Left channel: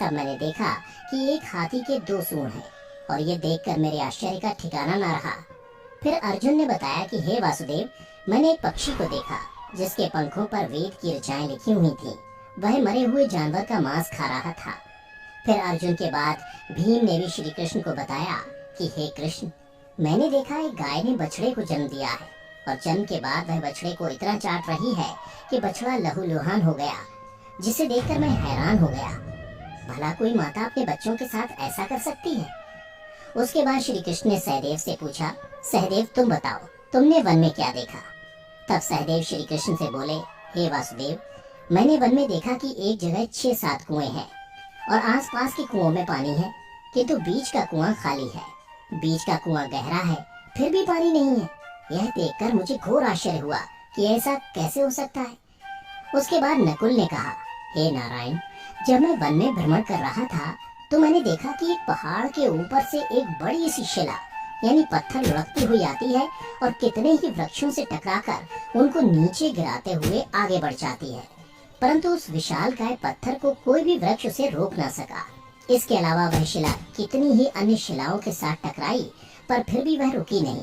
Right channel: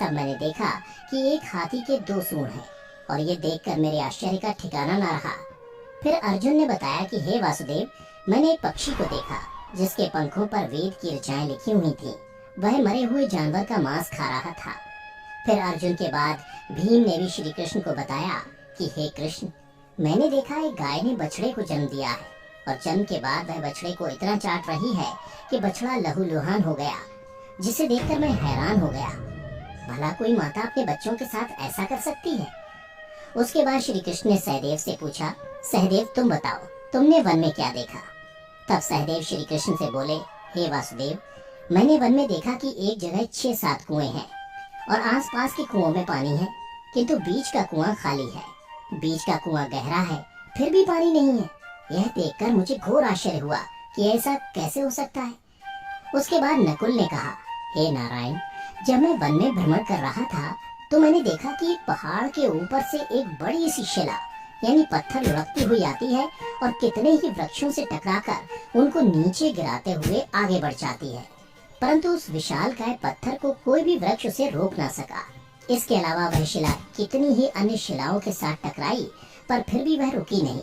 तब मैंने देखा कि एक हाथी के दो सूंड हैं और ये देखकर मेरे आश्चर्य का ठिकाना न रहा। फिर अर्जुन ने बताया कि हे वासुदेव, मैंने एक पक्षी को देखा जिसके पंखों पर वेद की ऋचाएं लिखी हुई थीं। वह मरे हुए जानवर का मांस खा रहा था। फिर अर्जुन के बाद भीम ने भी श्री कृष्ण को बताया कि हे कृष्ण, मैंने देखा एक गाय ने बछड़े को जन्म दिया है और जन्म के बाद वह बछड़े को इतना चाट रही है कि बछड़ा लहूलुहान हो गया, जिसे देखकर मैं हैरान हो गया। भला कोई माता अपने बच्चों के साथ ऐसा कर सकती है? उसके बाद श्री कृष्ण ने सहदेव से पूछा, सहदेव तुम बताओ, तुमने वन में क्या देखा? तब सहदेव श्री कृष्ण से बोले, हे वासुदेव, मैंने वन में देखा कि एक जगह 6-7 कुएं हैं और आसपास के कुओं में पानी है, किंतु बीच का कुआं खाली है। बीच का कुआं गहरा है, फिर भी पानी नहीं है। यह देखकर मुझे घोर आश्चर्य हुआ कि ऐसा कैसे हो सकता है। उसके बाद नकुल ने कहा, हे नारायण, जब मैं वन में भ्रमण कर रहा था तो मैंने देखा कि एक पहाड़ के ऊपर से एक बड़ी सी शिला यानी पत्थर लुढ़कती हुई आती है और कितने ही वृक्षों से टकराकर उनको नीचे गिराते हुए आगे बढ़ जाती है, परंतु उस विशालकाय पत्थर को कोई भी वृक्ष उसे रोक न सका। इसके अलावा वह शिला कितनी ही अन्य शिलाओं के साथ टकराई, पर फिर भी वह रुकी नहीं।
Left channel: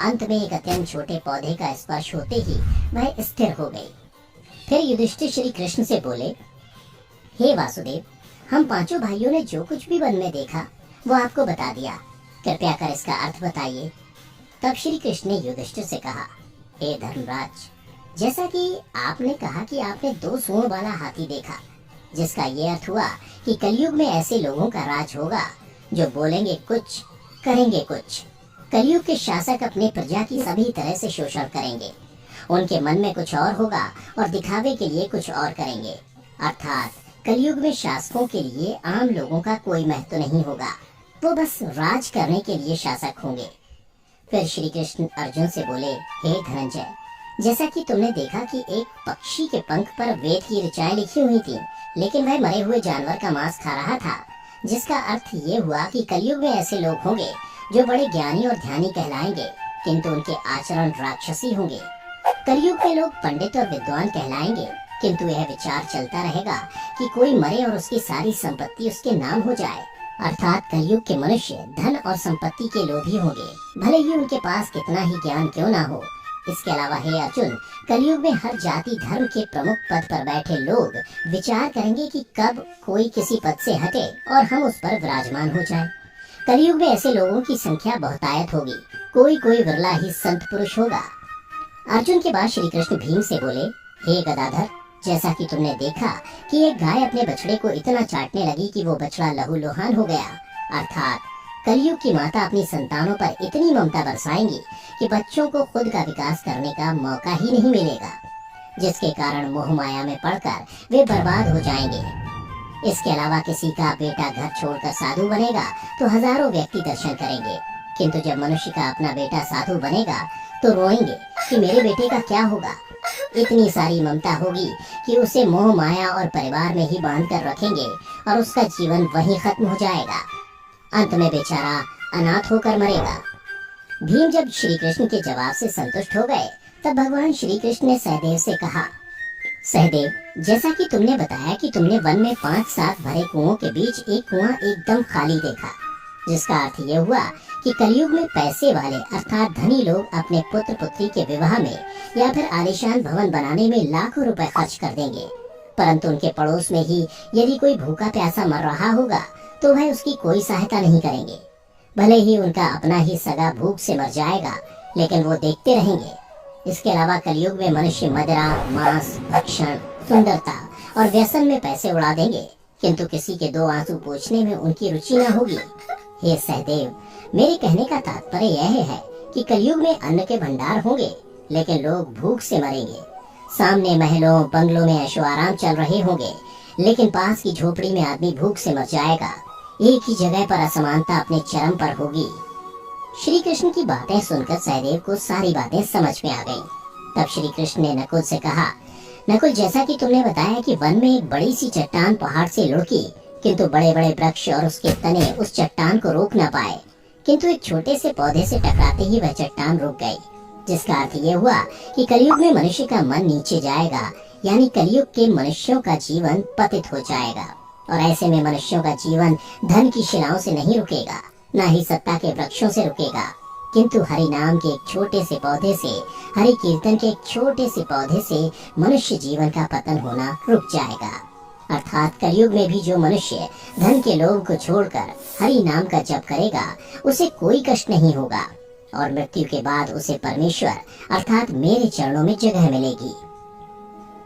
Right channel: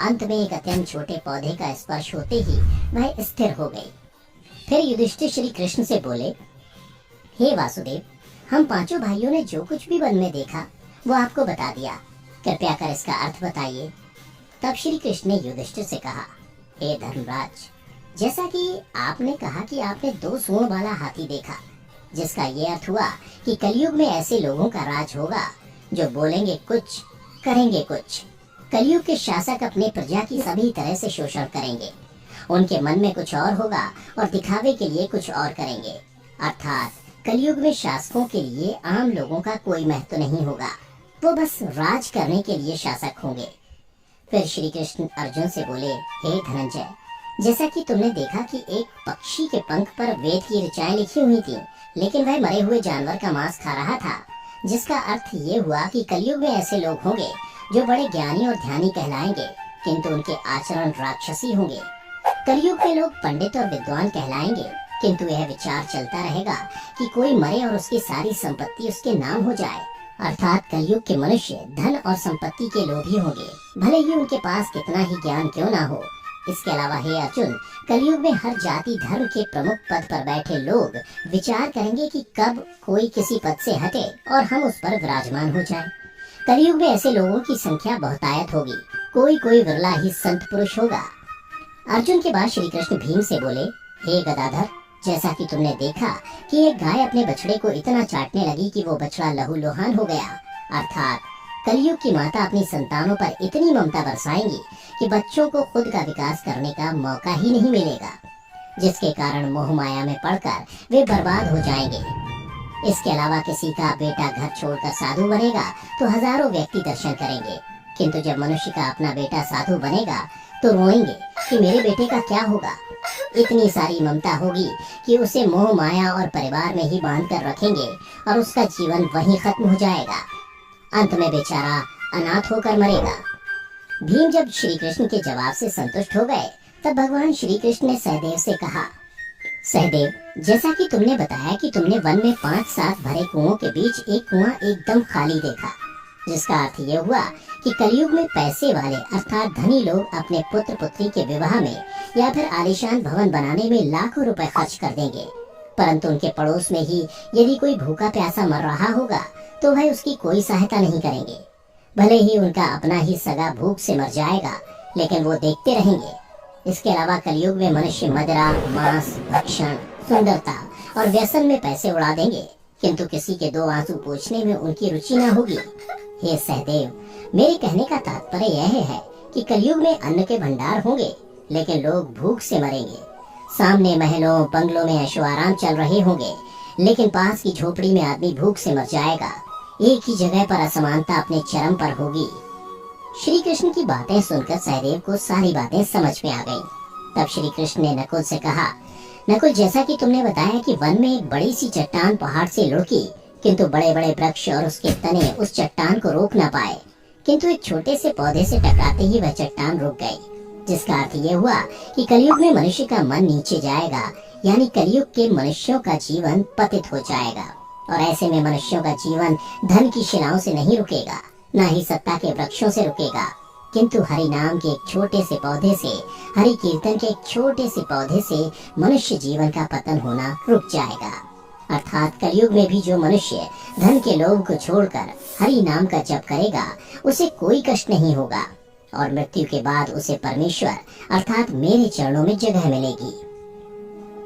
अंत में एक अत्यंत छोटे पौधे का स्पर्श होते ही वह स्थिर हो गई। फिर युधिष्ठिर श्री कृष्ण से बोले, हे वासुदेव, हम पांचों भाइयों ने जो कुछ भी वन में देखा वो आपको बता दिया, कृपया कर इसका अर्थ बताइए। तब श्री कृष्ण ने युधिष्ठिर से कहा, हे धर्मराज, जैसा कि आपने कहा कि आपने 2 सूंड वाला हाथी देखा, जिसका ये अर्थ हुआ कि कलयुग में ऐसे लोगों का राज होगा जो बोलेंगे कुछ, करेंगे कुछ। कलयुग के शासक अपने प्रजा की सभी तरह से शोषण करेंगे। उनके मन में कुछ और होगा और दिखावे के लिए कुछ और करेंगे। अर्थात कलयुग में शासकों के लिए आम लोगों का कोई महत्व नहीं होगा, वो बस राज करने के लिए शासक होंगे। फिर श्री कृष्ण अर्जुन से बोले, हे धनंजय, जैसा कि तुमने देखा कि एक पक्षी के पंख पर वेद की ऋचाएं लिखी हुई थीं, लेकिन वह मरे हुए जानवर का मांस खा रहा था, जिसका अर्थ ये हुआ कि कलयुग में ऐसे लोग होंगे जो बड़े ज्ञानी और ध्यानी कहलाएंगे, किंतु उनके आचरण राक्षसी होंगे। कलयुग में लोग पंडित और विद्वान कहलाएंगे, किंतु यह विचार चलता रहेगा कि कोई मरे और उसकी सारी संपत्ति उसके नाम हो जाए। अर्थात कलयुग के मनुष्य धन और संपत्ति के लोभी होंगे, भले ही उनके पास कितना ही ज्ञान क्यों ना हो। इसके अलावा हे अर्जुन, कलयुग में हर जाति धर्म के प्रमुख पद पर बैठे लोग विचार करेंगे कि कब कोई किसी पद से हटे और हम उस पर विराजमान हो जाएं। कलयुग में ऐसे लोगों की संख्या बहुतायत होगी, कोई कोई विरला ही संत पुरुष होगा। अर्जुन के बाद श्री कृष्ण भीम से बोले, हे गदाधर, जैसा कि तुमने देखा कि एक गाय अपने बछड़े को इतना चाटने लगी कि वो बछड़ा लहूलुहान हो गया, अर्थात कलयुग की माता अपनी संतानों पर इतनी ममता बरसाएंगी कि बच्चों को खुद का विकास करने का मौका ही नहीं मिलेगा, जिसके कारण मोह माया में पड़कर वे बर्बाद हो जाएंगे। इसके अलावा किसी का बेटा घर छोड़कर साधु बनेगा तो हजारों व्यक्ति दर्शन करेंगे, किंतु जब मनुष्य का अपना बेटा साधु बनेगा तो रोएंगे कि मेरे बेटे का क्या होगा। इतनी सारी ममता होगी कि उसे मोह माया और परिवार में ही बांध कर रखेंगे और उसका जीवन वहीं खत्म हो जाएगा। अंत में बेचारा अनाथ होकर मरेगा। भीम जब श्री कृष्ण के जवाब से संतुष्ट हो गए, तब भगवान श्री कृष्ण ने सहदेव से कहा, सहदेव, जैसा कि तुमने बताया कि तुमने वन में 5-7 भरे कुओं के बीच एक कुआं एकदम खाली देखा, जिसका अर्थ ये हुआ कि कलयुग में पैसे वाले अर्थात धनी लोग अपने पुत्र पुत्री के विवाह में या फिर आलीशान भवन बनाने में लाखों रुपए खर्च कर देंगे, परंतु उनके पड़ोस में ही यदि कोई भूखा प्यासा मर रहा होगा तो वह उसकी कोई सहायता नहीं करेंगे। भले ही उनका अपना ही सगा भूख से मर जाएगा, लेकिन वो देखते रहेंगे। इसके अलावा कलयुग में मनुष्य मदिरा, मांस, भक्षण, सुंदरता और व्यसन में पैसे उड़ा देंगे, किंतु किसी के 2 आंसू पोंछने में उनकी रुचि न होगी। हे सहदेव, मेरे कहने का तात्पर्य यह है कि कलयुग में अन्न के भंडार होंगे, लेकिन लोग भूख से मरेंगे। सामने महलों बंगलों में ऐशो आराम चल रहे होंगे, लेकिन पास की झोपड़ी में आदमी भूख से मर जाएगा। एक ही जगह पर असमानता अपने चरम पर होगी। श्री कृष्ण की बातें सुनकर सहदेव को सारी बातें समझ में आ गईं। तब श्री कृष्ण ने नकुल से कहा, नकुल, जैसा कि तुमने बताया कि वन में एक बड़ी सी चट्टान पहाड़ से लुढ़की, किंतु बड़े बड़े वृक्ष और उसके तने उस चट्टान को रोक न पाए, किंतु एक छोटे से पौधे से टकराते ही वह चट्टान रुक गई, जिसका अर्थ ये हुआ कि कलयुग में मनुष्य का मन नीचे जाएगा, यानी कलयुग के मनुष्यों का जीवन पतित हो जाएगा। और ऐसे में मनुष्यों का जीवन धन की शिलाओं से नहीं रुकेगा, न ही सत्ता के वृक्षों से रुकेगा, किंतु हरि नाम के एक छोटे से पौधे से, हरि कीर्तन के एक छोटे से पौधे से मनुष्य जीवन का पतन होना रुक जाएगा। अर्थात कलयुग में भी जो मनुष्य धन के लोभ को छोड़कर हरि नाम का जप करेगा, उसे कोई कष्ट नहीं होगा और मृत्यु के बाद उसे परमेश्वर अर्थात मेरे चरणों में जगह मिलेगी।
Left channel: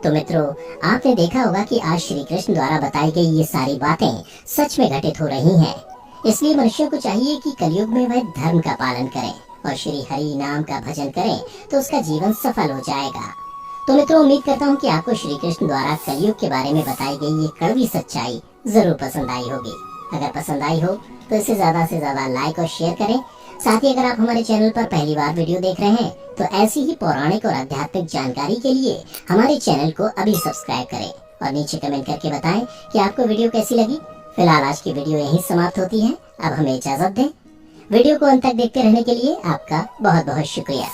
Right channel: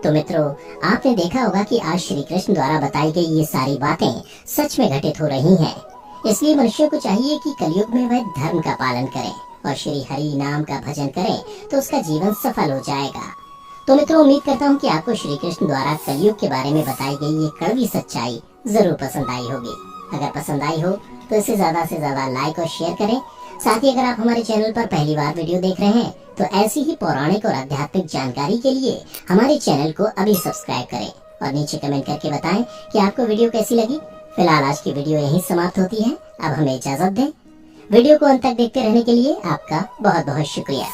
तो मित्रों, आपने देखा होगा कि आज श्री कृष्ण द्वारा बताई गई ये सारी बातें सच में घटित हो रही हैं। इसलिए मनुष्यों को चाहिए कि कलयुग में वह धर्म का पालन करें और श्री हरि नाम का भजन करें, तो उसका जीवन सफल हो जाएगा। तो मित्रों, उम्मीद करता हूँ कि आपको श्री कृष्ण द्वारा कलयुग के बारे में बताई गई ये कड़वी सच्चाई जरूर पसंद आई होगी। अगर पसंद आई हो तो इसे ज्यादा से ज्यादा लाइक और शेयर करें। साथ ही अगर आप हमारे चैनल पर पहली बार वीडियो देख रहे हैं तो ऐसी ही पौराणिक और आध्यात्मिक जानकारी के लिए हमारे चैनल को अभी सब्सक्राइब करें और नीचे कमेंट करके बताएं कि आपको वीडियो कैसी लगी। फिलहाल आज की वीडियो यहीं समाप्त होती है। अब हमें इजाजत दें। वीडियो को अंत तक देखते रहने के लिए आपका बहुत बहुत शुक्रिया।